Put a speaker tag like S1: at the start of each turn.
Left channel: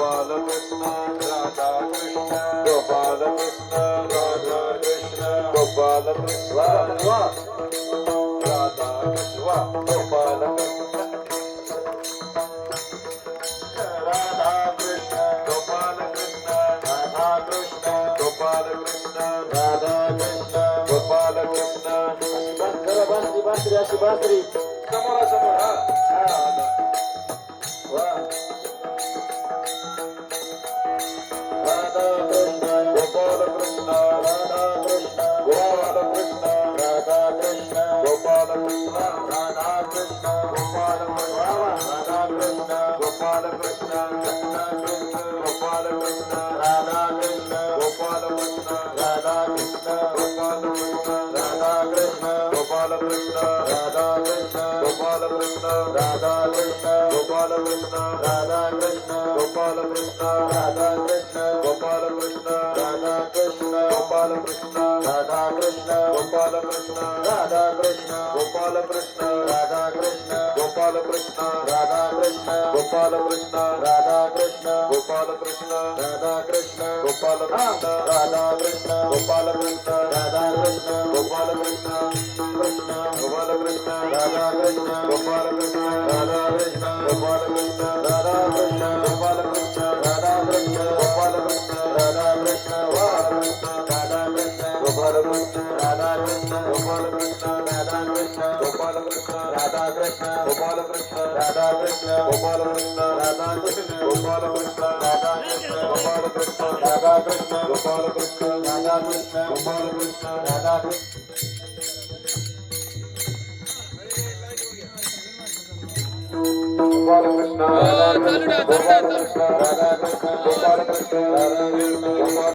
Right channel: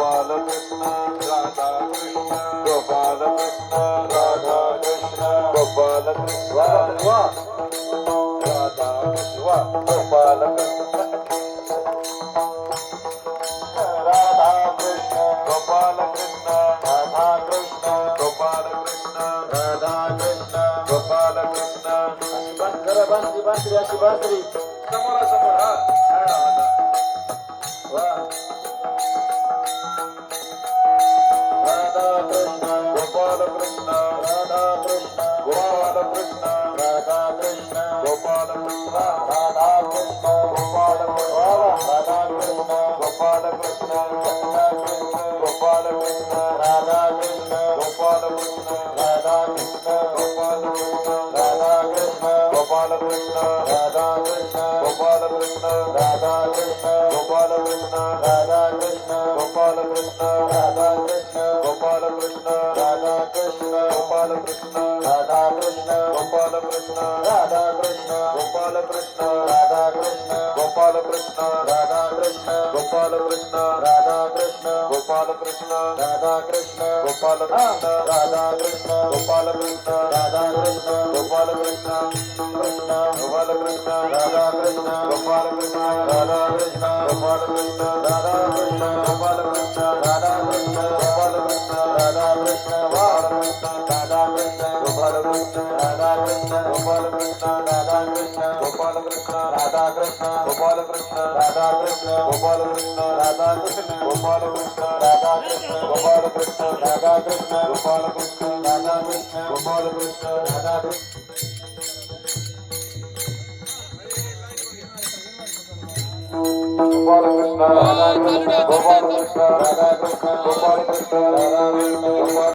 S1: Gopal Krishna Radha Radha Krishna Gopal Krishna Radha
S2: Krishna
S1: Gopal Krishna
S2: Radha Krishna
S1: Gopal
S2: Radha
S1: Krishna,
S2: Radha Krishna,
S1: Gopala Krishna,
S2: Radha
S1: Krishna,
S2: Radha Krishna,
S1: Gopal Krishna,
S2: Radha Krishna,
S1: Gopal Krishna,
S2: Radha Krishna,
S1: Gopal Krishna,
S2: Radha Krishna,
S1: Gopal Krishna,
S2: Radha Krishna,
S1: Gopal Krishna,
S2: Radha Krishna,
S1: Gopal Krishna,
S2: Radha Krishna,
S1: Gopal Krishna,
S2: Krishna,
S1: Gopal Krishna,
S2: Radha Krishna,
S1: Gopal Krishna, Radha
S2: Krishna,
S1: Gopal Krishna. Gopalakrishna
S2: Radhakrishna
S1: Gopalakrishna
S2: Radhakrishna
S1: Gopalakrishna
S2: Radhakrishna
S1: Gopalakrishna
S2: Radhakrishna
S1: Gopalakrishna
S2: Radhakrishna
S1: Gopalakrishna
S2: Radhakrishna
S1: Gopalakrishna
S2: Radhakrishna
S1: Gopalakrishna
S2: Radhakrishna
S1: Gopalakrishna Radhakrishna Gopal Krishna Gopal